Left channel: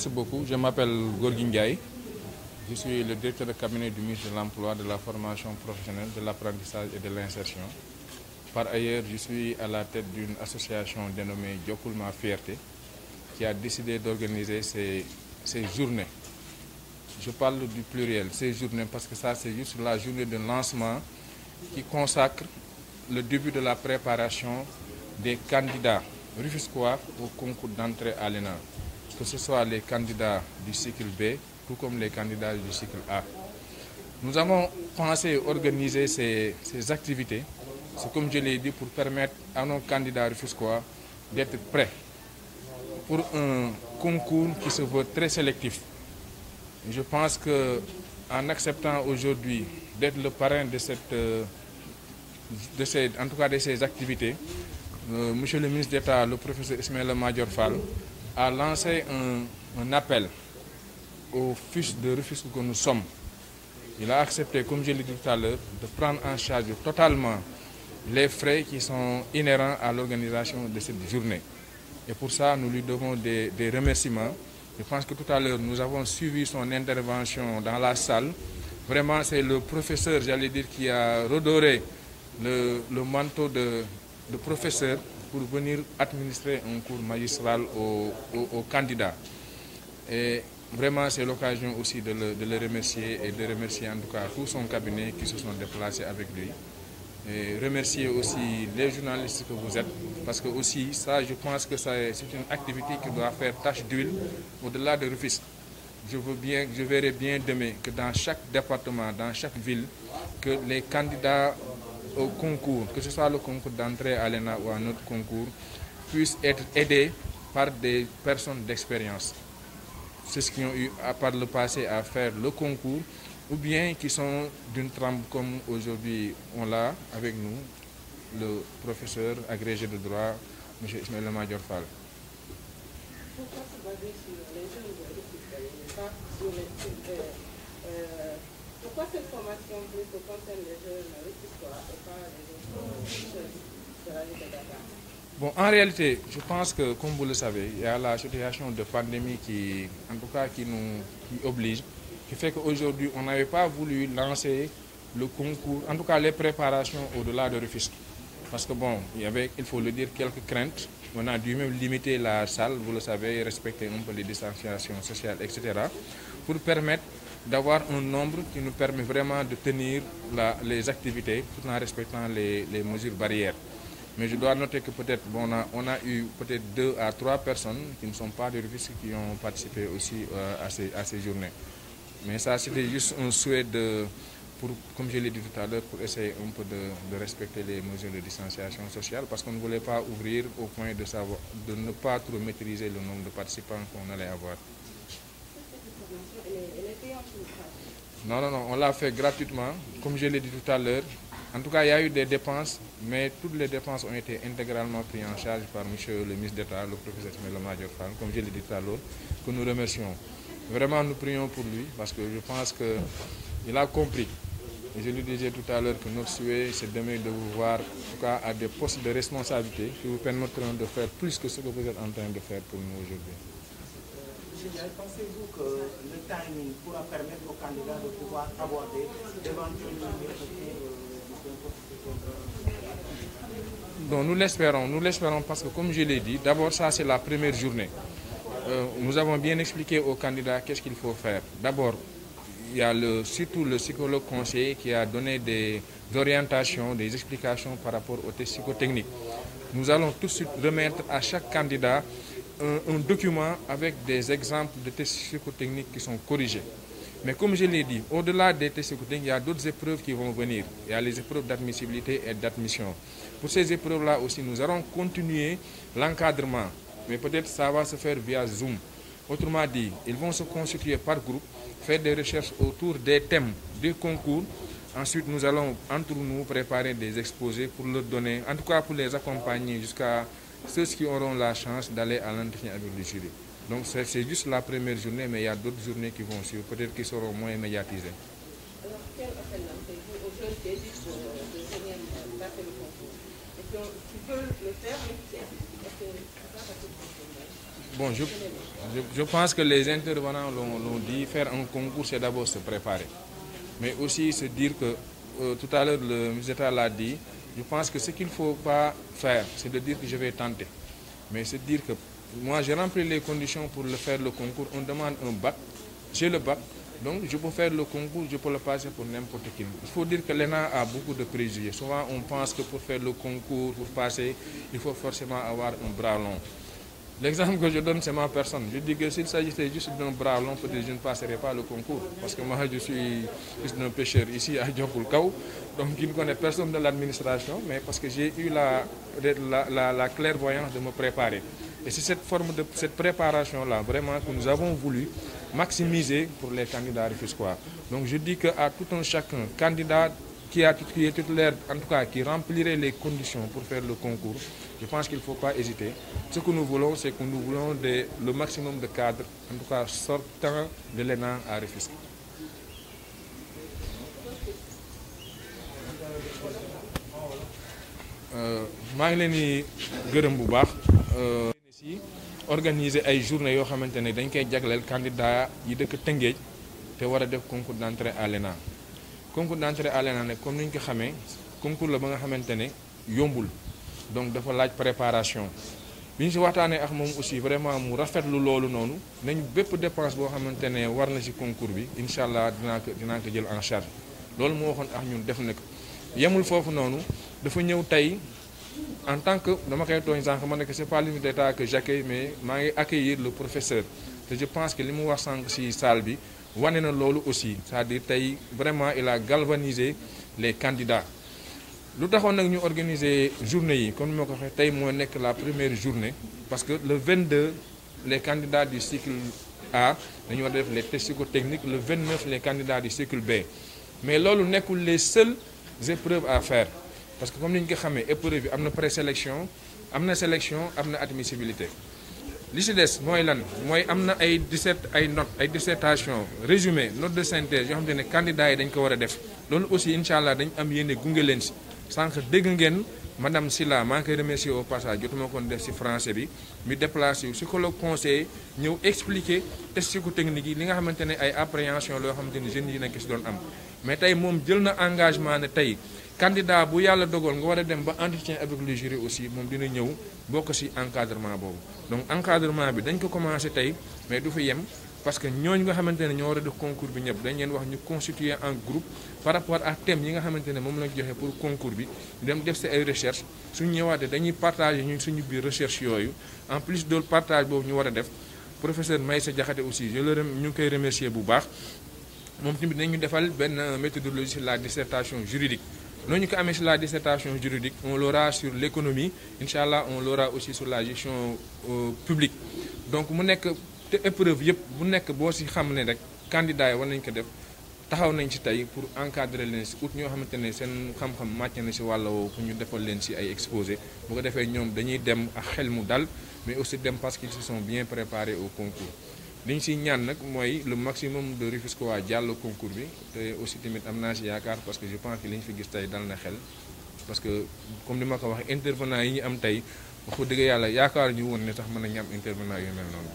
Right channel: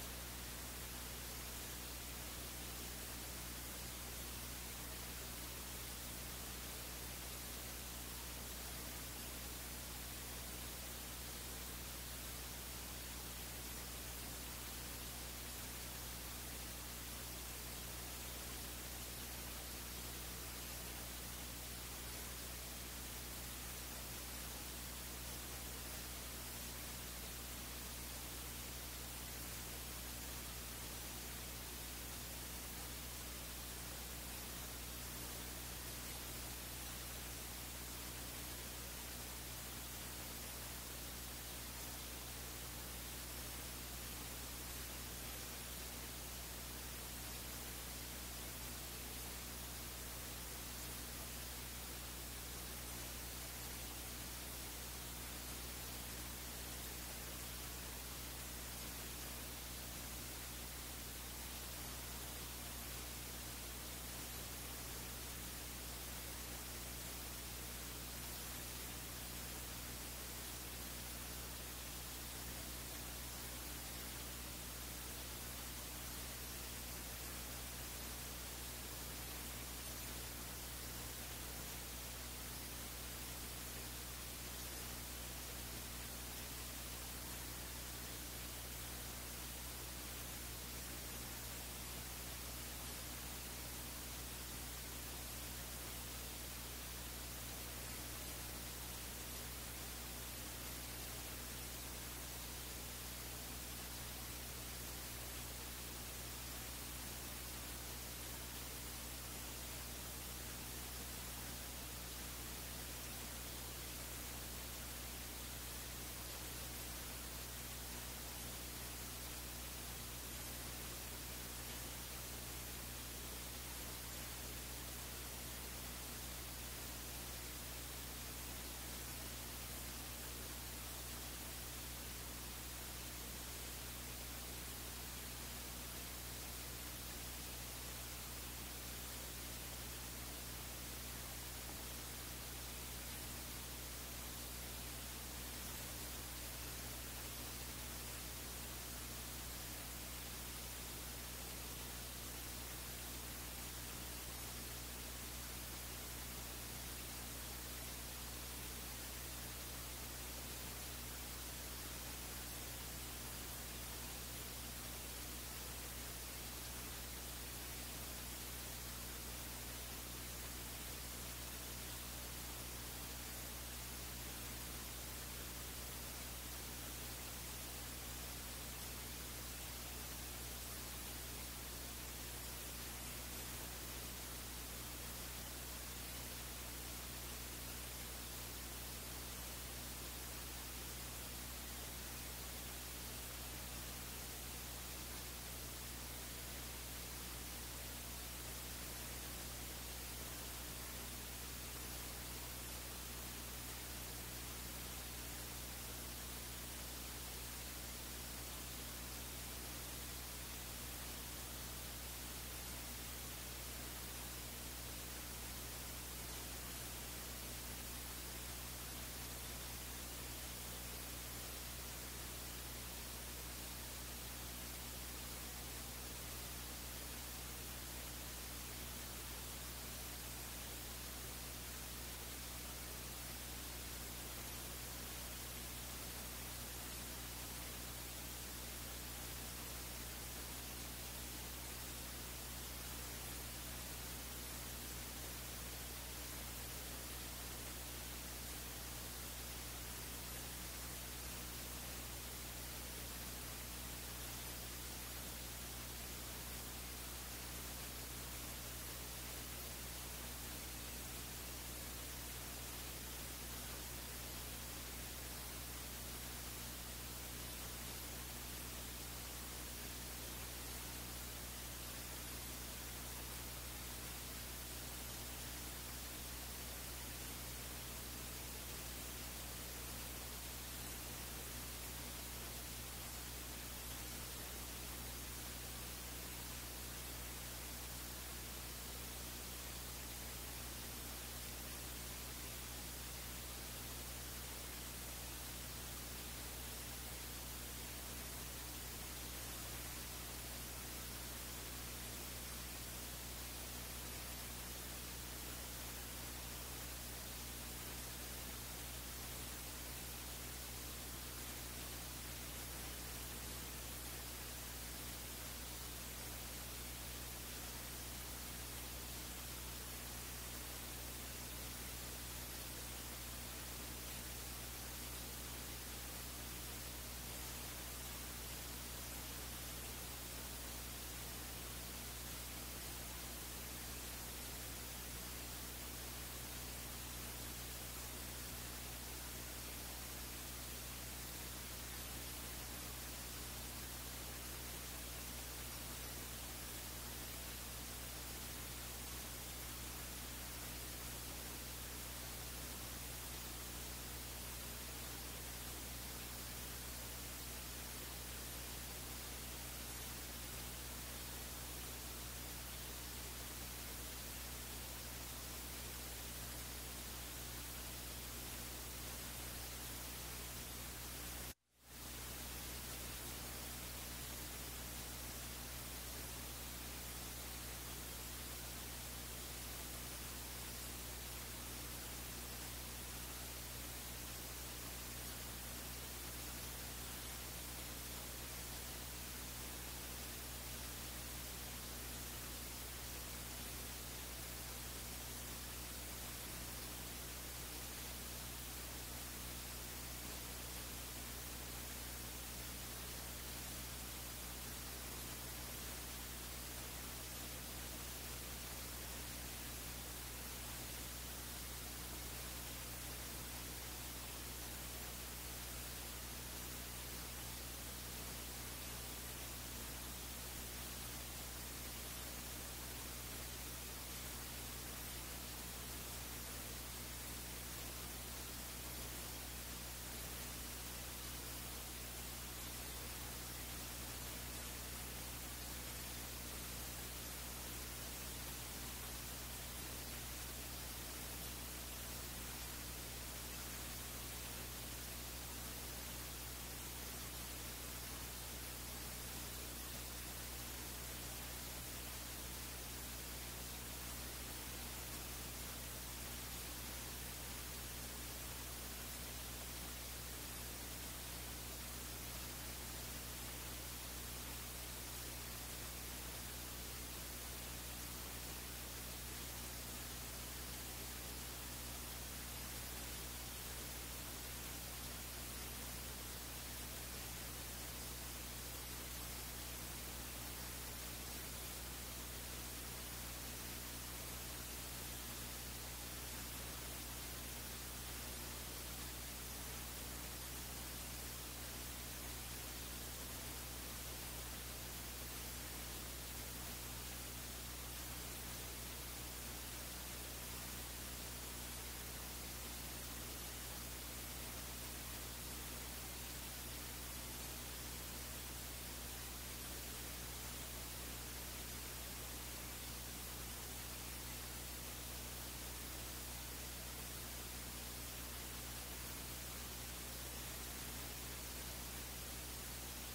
Merci beaucoup. Je m'appelle Gorgui Ndiaye. Je suis le directeur de cabinet du ministre de l'Emploi, de la formation professionnelle, de l'apprentissage et de l'insertion. Par ailleurs, je suis à la tête d'une association dénommée Diokoul Ma Fierté qui a décidé d'organiser ces journées. Je parle du pluriel, ces journées, parce que ça c'est juste la journée de lancement qui consacre le début de la préparation des candidats rufisquois au concours d'entrée à l'ENA, que ce soit les candidats du cycle B, tout comme les candidats du cycle A. Nous avons pensé organiser ces activités, c'est comme je l'ai dit, pour permettre à nos candidats rufisquois d'être prêts pour un concours qui se veut très sélectif. Je pense qu'en acceptant aujourd'hui d'être le parrain de ces activités, Monsieur le ministre d'État, le professeur Ismaïla Madior Fall, a lancé un appel aux fils de Rufisque que nous sommes. Il a accepté, comme je l'ai dit tout à l'heure, de prendre en charge totalement les frais qui sont inhérents à l'organisation de cette journée. Et pour ça, nous lui devons des remerciements. Je pense que tout à l'heure, nous avons suivi son intervention dans la salle. Vraiment, c'est le professeur, j'allais dire, qui a redoré le manteau de professeur pour venir administrer un cours magistral aux candidats. Et vraiment, c'est l'occasion aussi de le remercier et de remercier en tout cas tout son cabinet qui se sont déplacés avec lui. Et remercier aussi les journalistes que vous êtes, parce que aussi ça, je pense que c'est une activité qui doit faire tache d'huile au-delà de Rufisque. Je verrais bien demain que dans chaque département, dans chaque ville, que les candidats au concours, que ce soit le concours d'entrée à l'ENA ou un autre concours, puissent être aidés par des personnes d'expérience. Ceux qui ont eu par le passé à faire le concours, ou bien qui sont d'une trempe comme aujourd'hui on l'a avec nous, le professeur agrégé de droit, M. Ismaïla Madior Fall. Pourquoi se baser sur les jeunes de pas sur les pourquoi cette formation plus concerne les jeunes rufisquois et pas les jeunes de la ville de Dakar? Bon, en réalité, je pense que, comme vous le savez, il y a la situation de pandémie qui, en tout cas, qui oblige, qui fait qu'aujourd'hui, on n'avait pas voulu lancer le concours, en tout cas les préparations au-delà de Rufisque. Parce que bon, il y avait, il faut le dire, quelques craintes. On a dû même limiter la salle, vous le savez, respecter un peu les distanciations sociales, etc. pour permettre d'avoir un nombre qui nous permet vraiment de tenir les activités tout en respectant les mesures barrières. Mais je dois noter que peut-être on a eu peut-être 2 à 3 personnes qui ne sont pas de Rufisque qui ont participé aussi à ces journées. Mais ça, c'était juste un souhait comme je l'ai dit tout à l'heure, pour essayer un peu de respecter les mesures de distanciation sociale, parce qu'on ne voulait pas ouvrir au point de ne pas trop maîtriser le nombre de participants qu'on allait avoir. Non, on l'a fait gratuitement, comme je l'ai dit tout à l'heure. En tout cas, il y a eu des dépenses, mais toutes les dépenses ont été intégralement prises en charge par M. le ministre d'État, le professeur Ismaïla Madior Fall, comme je l'ai dit tout à l'heure, que nous remercions. Vraiment, nous prions pour lui, parce que je pense qu'il a compris. Et je lui disais tout à l'heure que notre souhait, c'est demain de vous voir, en tout cas, à des postes de responsabilité qui vous permettront de faire plus que ce que vous êtes en train de faire pour nous aujourd'hui. Pensez-vous que le timing pourra permettre aux candidats de pouvoir aborder devant Donc nous l'espérons parce que comme je l'ai dit, d'abord ça c'est la première journée. Nous avons bien expliqué aux candidats qu'est-ce qu'il faut faire. D'abord, il y a surtout le psychologue conseiller qui a donné des orientations, des explications par rapport aux tests psychotechniques. Nous allons tout de suite remettre à chaque candidat un document avec des exemples de tests psychotechniques qui sont corrigés. Mais comme je l'ai dit, au-delà des tests psychotechniques, il y a d'autres épreuves qui vont venir. Il y a les épreuves d'admissibilité et d'admission. Pour ces épreuves-là aussi, nous allons continuer l'encadrement. Mais peut-être ça va se faire via Zoom. Autrement dit, ils vont se constituer par groupe, faire des recherches autour des thèmes du concours. Ensuite, nous allons, entre nous, préparer des exposés pour leur donner, en tout cas pour les accompagner jusqu'à ceux qui auront la chance d'aller à l'entretien avec le jury. Donc c'est juste la première journée, mais il y a d'autres journées qui vont suivre, peut-être qui seront moins médiatisées. Alors, quel appel lancez-vous aux jeunes qui hésitent de venir passer le concours? Est-ce qu'ils peuvent le faire, mais est-ce que ça va être possible? Bon, Je pense que les intervenants l'ont dit, faire un concours, c'est d'abord se préparer. Mais aussi se dire que, tout à l'heure, le ministre d'État l'a dit, je pense que ce qu'il ne faut pas faire, c'est de dire que je vais tenter. Mais c'est dire que moi, j'ai rempli les conditions pour faire le concours. On demande un bac, j'ai le bac, donc je peux faire le concours, je peux le passer pour n'importe qui. Il faut dire que l'ENA a beaucoup de préjugés. Souvent, on pense que pour faire le concours, pour passer, il faut forcément avoir un bras long. L'exemple que je donne, c'est ma personne. Je dis que s'il s'agissait juste d'un bras long, peut-être je ne passerai pas le concours. Parce que moi, je suis fils d'un pêcheur ici à Diokoulkaou, donc qui ne connaît personne de l'administration, mais parce que j'ai eu la clairvoyance de me préparer. Et c'est cette forme de cette préparation-là, vraiment, que nous avons voulu maximiser pour les candidats rufisquois. Donc je dis qu'à tout un chacun, candidat qui est titulaire, en tout cas qui remplirait les conditions pour faire le concours, je pense qu'il ne faut pas hésiter. Ce que nous voulons, c'est que nous voulons le maximum de cadres, en tout cas sortant de l'ENA à Rufisque. maa ngi leen di gërëm bu baax si organiser ay journée yoo xamante ne dañ koy jagleel candidat yi dëkk Tëngéej te war a def concours d'entrée à l'ENA. Concours d'entrée à l'ENA nag comme ni ñu ko xamee concours la ba nga xamante ne yombul donc dafa laaj préparation bi ñu si waxtaanee ak moom aussi vraiment mu rafetlu loolu noonu nañu bépp dépense boo xamante ne war na si concours bi incha allah dinaa ko jël en charge loolu moo waxoon ak ñun def na ko yemul foofu noonu dafa ñëw tey en tant que dama koy tooñ sànq ma ne que c'est pas l'unité d'État que j'accueille mais maa ngi accueillir le professeur te je pense que li mu wax sànq si salle bi wane na loolu aussi c'est-à-dire tey vraiment il a galvanisé les candidats lu taxoon nag ñu organiser journée yi comme moo ko waxee tey moo nekk la première journée parce que le 22 les candidats du cycle A dañu war a def les tests psychotechniques le 29 les candidats du cycle B mais loolu nekkul les seules épreuves à faire parce que comme ni ñu ko xamee épreuve bi am na présélection am na sélection am na admissibilité li ci des mooy lan mooy am na ay 17 ay notes ay dissertation résumé note de synthèse yoo xamante ne candidats yi dañ ko war a def loolu aussi incha allah dañ am yéene gunge leen si sànq dégg ngeen madame Silla maa ngi koy remercier au passage jotuma ko def si français bi mi déplacé yu psychologue conseiller ñëw expliquer test psychotechnique yi li nga xamante ne ay appréhension loo xamante ne jeunes yi nekk si doon am mais tey moom jël na engagement ne tey candidat bu yàlla dogal nga war a dem ba entretien avec le jury aussi moom dina ñëw bokk ci encadrement boobu donc encadrement bi dañ ko commencé tey mais du fi yem parce que ñooñu nga xamante ne ñoo war a def concours bi ñëpp dañ leen wax ñu constituer en groupe par rapport ak thème yi nga xamante ne moom lañ joxe pour concours bi dem def ci ay recherche suñu ñëwaatee dañuy partager ñun suñu biir recherche yooyu en plus de partage boobu ñu war a def professeur Maïssa Diakhaté aussi ñu ngi koy remercier bu baax moom tamit dañu defal benn méthodologie sur la dissertation juridique noonu ñu ko amee sur la dissertation juridique on l'aura sur l'économie incha allah on l'aura aussi sur la gestion publique donc mu nekk te épreuve yëpp bu nekk boo ci xam ne rek candidat yi war nañ ko def taxaw nañ ci tey pour encadrer leen ci ut ñoo xamante ne seen xam-xam màcc na ci wàll woowu pour ñu defal leen ci ay exposé bu ko defee ñoom dañuy dem ak xel mu dal mais aussi dem parce qu'ils se sont bien préparés au concours li ñu ciy ñaan nag mooy le maximum de Rufisquois jàll concours bi te aussi tamit am naa ci yaakaar parce que je pense que li ñu fi gis tey dal na xel parce que comme ni ma ko waxee intervenant yi ñu am tey wax dëgg yàlla yaakaar ñu woon ne tax mën nañu am intervenant yu mel noonu